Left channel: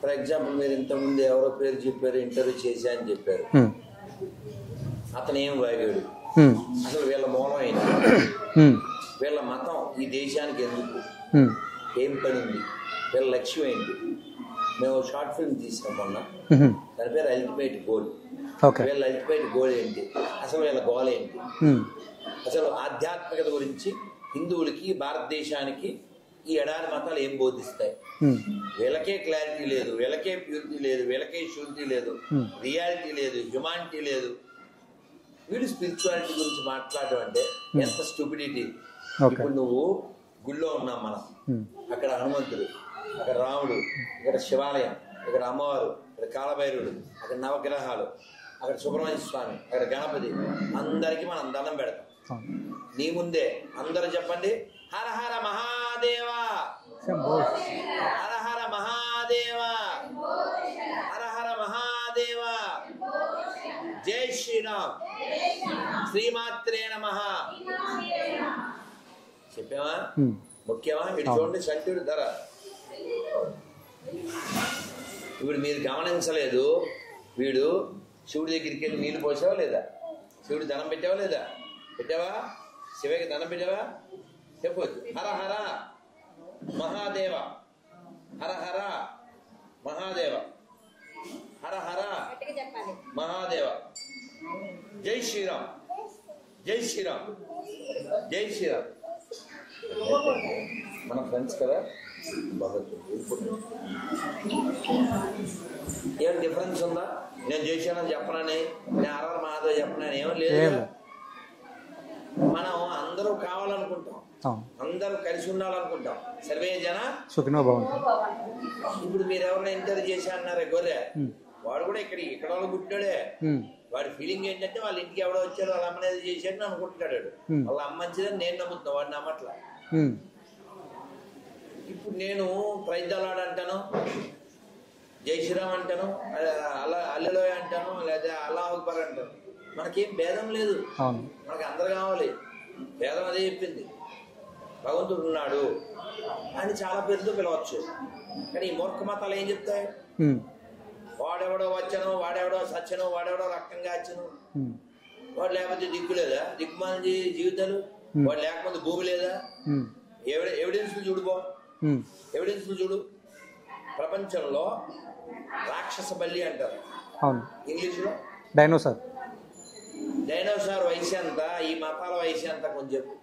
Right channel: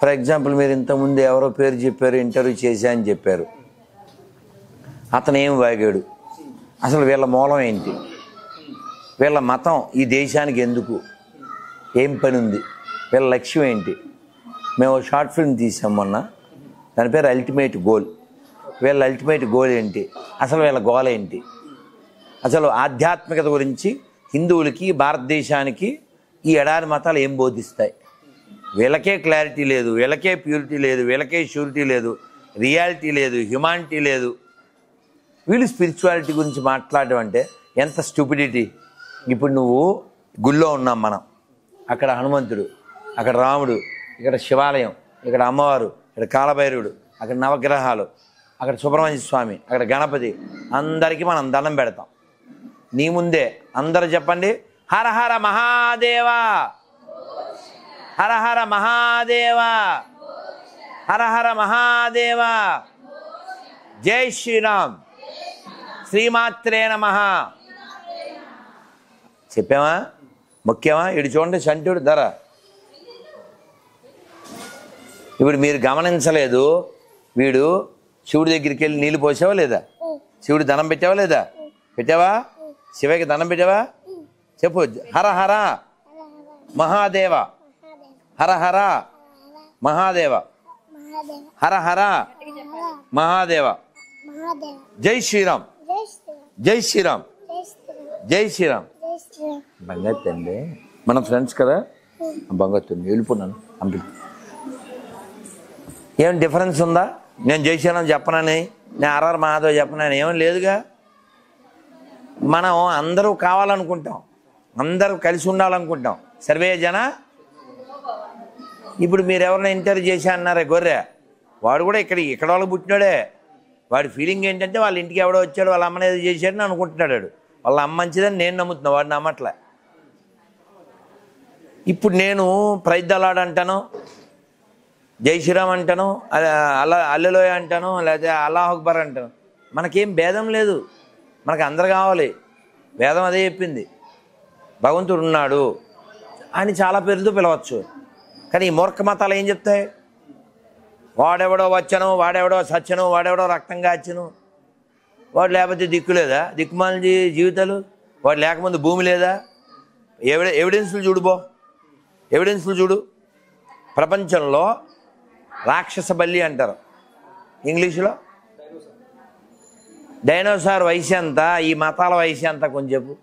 For example మీరు ఇంతకుముందు ఎవరో పేరు చెప్పారు, ఇంటర్వ్యూ చేశా అని చెప్పారు. అతను ఏం వాగాడు, అసలు వీళ్ళ మూలం ఏంటి, వీళ్ళ మతం ఈ దేశానికి ఎందుకు, ఏం పని ఉంది, వీళ్ళ లక్ష్యం ఏంటి. మేము షార్ట్ ఫిల్మ్ తీసాం మొన్న, దాని పేరు అల్టిమేట్ గోల్. వీళ్ళ అల్టిమేట్ గోల్ ఏంటి, అసలు వీళ్ళ గోల్ ఏంటి, అసలు ఆధ్యాత్మికత గురించి హిందువులకి భారతదేశానికి ఈ ఎడారి మతాలు ఏం బోధిస్తాయి. వీళ్ళకే క్లారిటీ లేదు, వీళ్ళకే ప్యూరిటీ లేదు, వీళ్ళకే ష్యూరిటీ లేదు, రియాలిటీ లేదు, హ్యుమానిటీ లేదు. వీళ్ళు స్పిరిచువాలిటీ గురించి మాట్లాడడం అంటే ఎంత స్టూపిడిటీ. ఇప్పుడు నువ్వు గుళ్ళో ఉన్నాం మనం, అక్కడ హనుమంతుడు, అక్కడ రాముడు, ఇక్కడ శివాలయం, ఇక్కడ అమ్మవారు, ఇక్కడ కాలభైరవుడు, అక్కడ నవగ్రహాలు, అక్కడ సుబ్రహ్మణ్య స్వామి, అక్కడ గణపతి, అందరికీ మనం దండం పెడతాం. నీ ముందే అందరూ చెప్పండి, హర హర మహాదేవా, హర హర మహాదేవా, హర హర మహాదేవా, జై శ్రీరామ్, శ్రీమాత్రే నమః చెప్పామా? ముఖ్యమా? ఇటు చూడండి, సంటుడు ధర. ఇప్పుడు మీరు గమనించలేదు, వీడు శివుడి దగ్గరికి వెళ్ళి నీళ్ళు పోసావా లేదా, శివుడి దండం పెట్టావా లేదా, పెట్టావా, శివకి దండం పెట్టావా, చెప్పు. హర హర మహాదేవ, హర హర మహాదేవ, హర హర మహాదేవ, జై శ్రీరామ్, జై శ్రీరామ్, జై శ్రీరామ్. బంగత్తండి, మన ఫ్రెండ్స్ కదా, బంగత్తుంది, వెళ్ళిపోన్నాను. ఏం డిఫరెన్స్ ఉందా? నేను జై శ్రీరామ్ చెప్పనని, నేను హర హర మహాదేవ్ చెప్పనని ఏమీ లేదుగా. మనం అందరూ కావాలనుకుంటాం, అందరూ కలిసి ఉండాలనుకుంటాం. సర్వే జన సుఖినో భవంతు. ఇప్పుడు మీరు ఎవరైనా ఇంటర్వ్యూ చేశా అన్నారే గొర్రె, వాడు కూడా ఇక్కడ వాళ్ళకి పుట్టినాడే. వాడి ఫీలింగ్ ఏంటంటే వాళ్ళ ఇంటికి ఎవడో వచ్చాడు, వాళ్ళ అమ్మని ఏదో చేశాడని అనుకుంటున్నాడు. వాళ్ళ అమ్మ మంచిదని నేను నమ్ముతున్నా, వాడు నమ్మట్లే. ఇప్పుడు నేను ప్రైద్దలాడు అంటాను, జై శ్రీరామ్ అంటాను, అల్లెలోయ అంటాను, లేకపోతే అల్లాహ్ అక్బర్ అంటాను. మనకేం భేదం లేదు, మనకు అందరు కావాలి. వేదం అదే చెప్పింది, భగవంతుడు ఉన్నాడు అని చాలా పేరుతో పిలవచ్చు. కానీ ఈ మూర్ఖ మతాలు ఏం చెప్తాయి, వాడెవడో వచ్చను, వాడెవడో సచ్చను, వాడెవడో రక్తం కాచను, వాడు లేకపోతే దిక్కు లేదా, దిక్కుమాల జీవితాలు, వాడు లేకముందు భూమి లేదా. ఎవిడెన్స్లు చూడుబో, ఎవిడెన్స్లు చూడు. ప్రపంచంలో రాక్షస బల్లి అంటారు ఇంగ్లీషులో, డైనోసార్. డైనోసార్ వయసు ఎంత, ఈ మతాల వయసు ఎంత కొంచెం చెప్పు.